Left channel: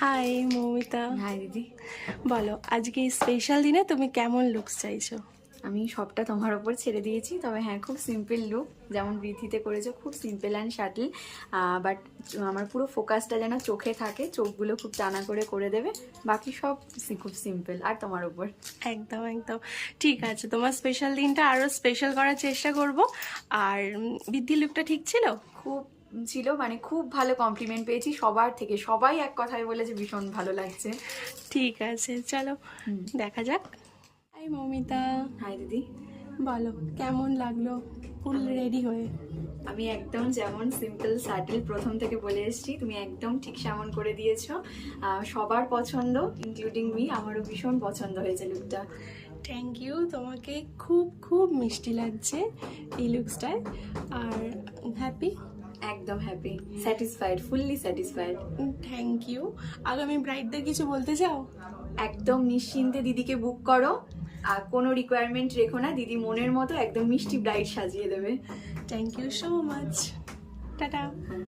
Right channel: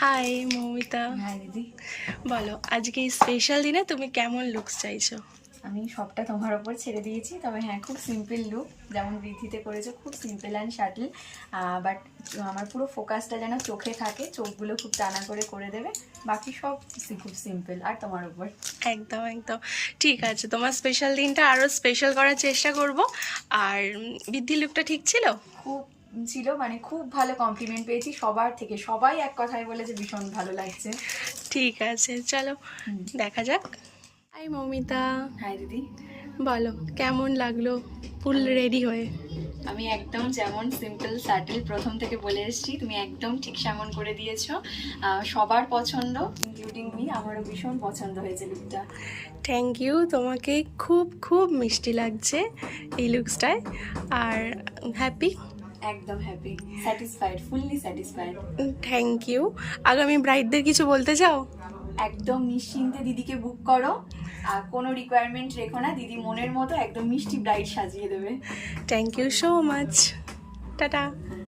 High Moumita. High দিদি। বলো আজকে এই স্পেশাল দিনে তুমি কেমন লুকস চাইছো? আমি সবটা তোমার ওপর ছেড়ে দিয়েছি, তবে হ্যাঁ খুব সিম্পল লুক, যেমন বৃদ্ধিতে করেছে খুব সিম্পল অ্যান্ড শাটল, বাট আমার পুরো ফোকাসটা যেন চোখে থাকে, চোখগুলো খুব টানা করে দেবে, বাকি সব খুব সিম্পল আর তোমার উপর। একদম একদম ঠিক আছে, তোমার স্পেশাল দিনটা আরও স্পেশাল করার চেষ্টা করব। আর বৃদ্ধি লুকটা ঠিক ছিল? খুব ছিল, মানে খুব ভালো কমপ্লিমেন্ট পেয়েছি সবার থেকে, সবাই এক কথায় বলেছে ভীষণ ভালো লাগছে। ঠিক আছে, চলো দেখা যাক। হাই মৌমিতা। হাই দিদি। বলো কেমন লাগলো ফুল রেডি হয়ে? আমি একদম যেমন সিম্পল স্যাটেল প্রথম থেকে বলে এসেছি, তুমি একদম ঠিক সেমন করে দিয়েছো। সবার পছন্দ, ইনক্লুডিং মি, আমারও ভীষণ পছন্দ হয়েছে লুকটা। থ্যাংক ইউ, তোমাকে খুব খুব মিষ্টি লাগছে এই লুকসটায়। আর হ্যাপি? একদম happy, satisfied, fully satisfied. Thank you. আগামী ব্রাইডদের কিছু বলতে চাও? একদম নিশ্চিন্তে দিদিকে বুক করো, আর কোনো রিকোয়ারমেন্ট রেখো না, দিদি মনের মতো একদম মিষ্টি ব্রাইড সাজিয়ে দেবে। Thank you so much. Tata.